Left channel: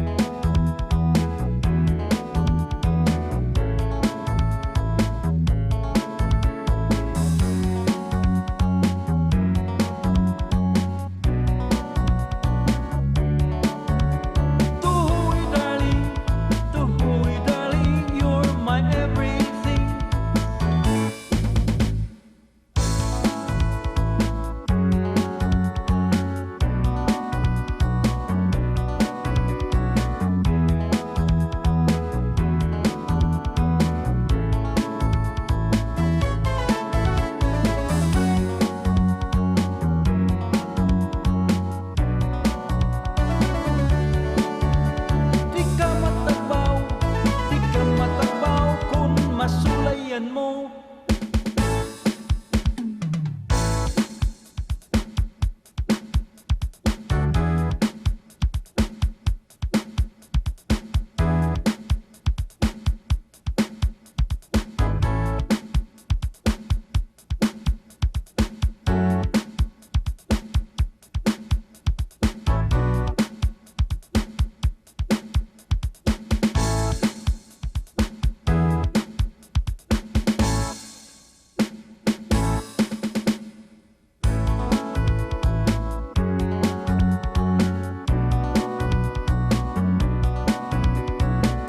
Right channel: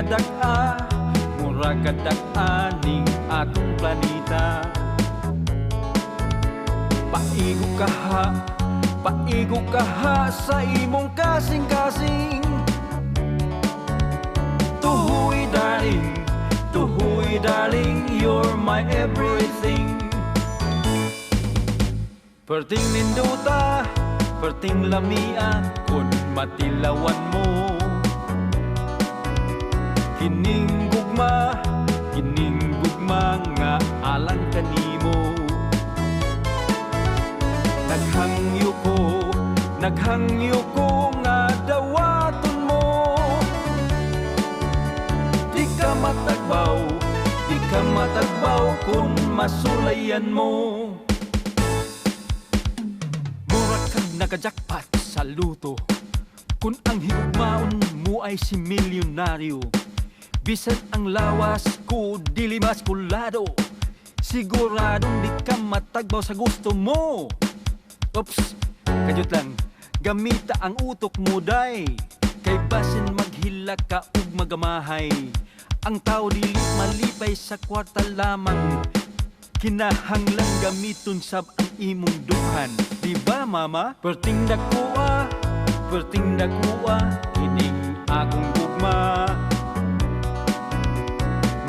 kadak-a, mura kadak-a ning akong planeta. Paigo kaha sa imong kasing-kasing. Tuhoy darling, you're my everything. Perting ninduta, perting lamia, kun matilawan mo. Kining gugma nga alang kanimo. Naghangyo ko nga dawaton mo. Di ka matagbaw kung masulayan mo. Murag kang nakajakpat sa luto, kung ang higugmaon mo ay si milyonaryo. Bisan ang lawas ko dili maskulado, siguradong di ka matagbaw sa gusto mo. Oops, kajut lang, gamita ang utok mo day. Kay basin maghila ka ug magamahay. Ang tao dili malipay sa kwarta lamang, kinahanglan gamiton sab ang imong duhan. Diba mama? Perting dakuha, ining akong gugma.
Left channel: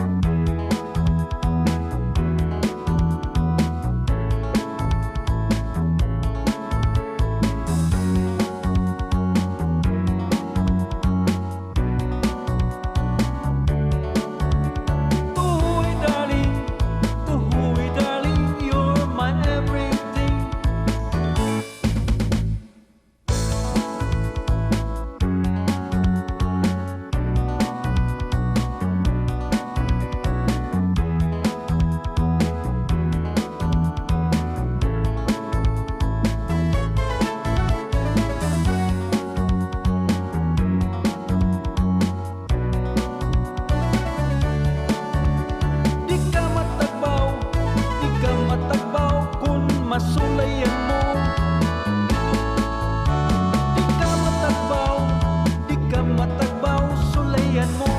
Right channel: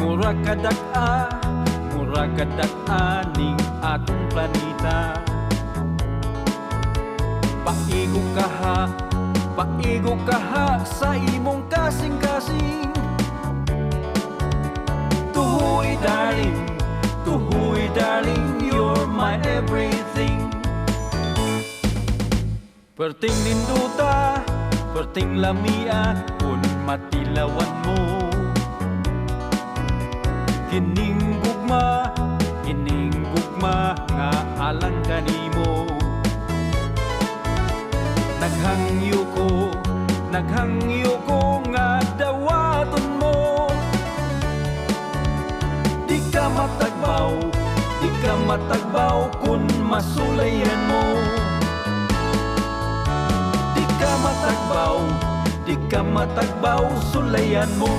Mura kadak-a ning akong planeta. Paigo kaha sa imong kasing-kasing. Tuhoy darling, you're my everything. Perting ninduta, perting lamia, kun matilawan mo. Kining gugma nga alang kanimo. Naghangyo ko nga dawaton mo. Di ka matagbaw kung masulayan mo. Di ka matagbaw, sulayan mo.